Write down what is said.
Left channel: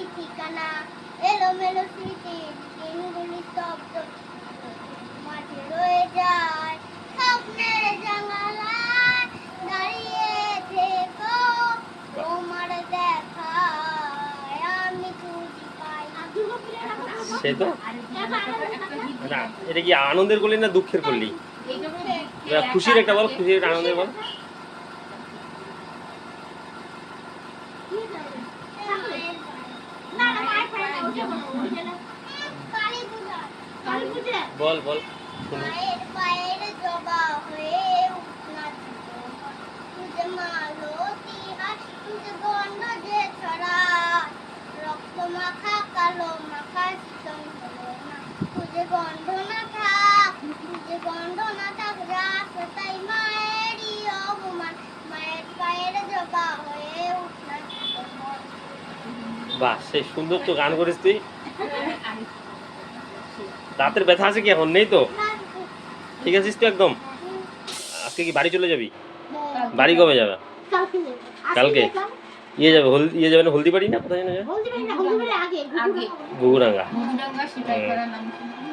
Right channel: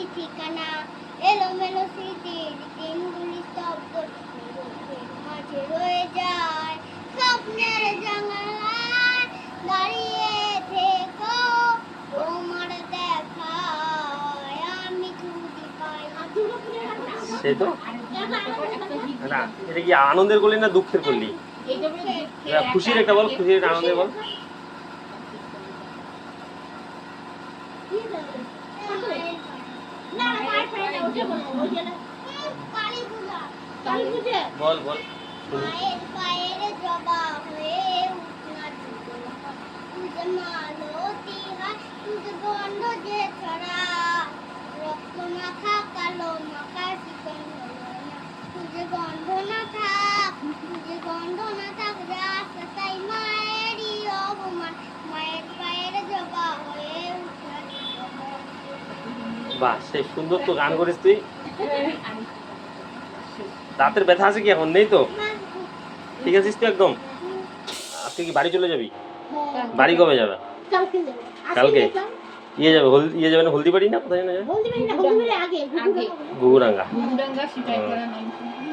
নেই ঠিকানা, এলোমেলো স্মৃতির দিনগুলি স্তব্ধ, মাঝে রয়ে যায় স্বপ্নের জানালায় দাঁড়িয়ে থেকো, তোমার দেখায় আমি খুঁজে পাই। সেই তো না, এটা কি আনন্দের করলি না দুঃখের করলি? খুশির একটা বল, খুশির একটা আনন্দের বল। বল বল। মায়ের পায়ের জবা হয়ে উঠনা ছিল, তুঝে মালতী হাত, তুঝে গন্ধ যে ছড়া, রক্ত মাখা কালো মাখা শীতল হলো না, তুঝে গন্ধ না থাক, তুঝে গন্ধ না থাক, রাস্তায় মায়েরই অপমান, মায়ের পায়ের জবা হয়ে উঠনা ছিল। বাহ, সেই সুন্দর তো গান করিস তুই। দাঁতের ব্যথা আছে কি এখন? নেই তো? ঠিক আছিস তো একদম? আজকে কি বাড়ি চলে যাবি? বাড়ি কবে যাবে? কালকে ইয়ে যাবে, ইয়ে যাবে না, হলদিবাড়ি না কোথায় যেন যাবে? হলদিবাড়ি না, হলদিবাড়ি আগে ঘুঘুরাঙ্গা। ঘুঘুরাঙ্গা সিপাহীপাড়া নাম শুনছি।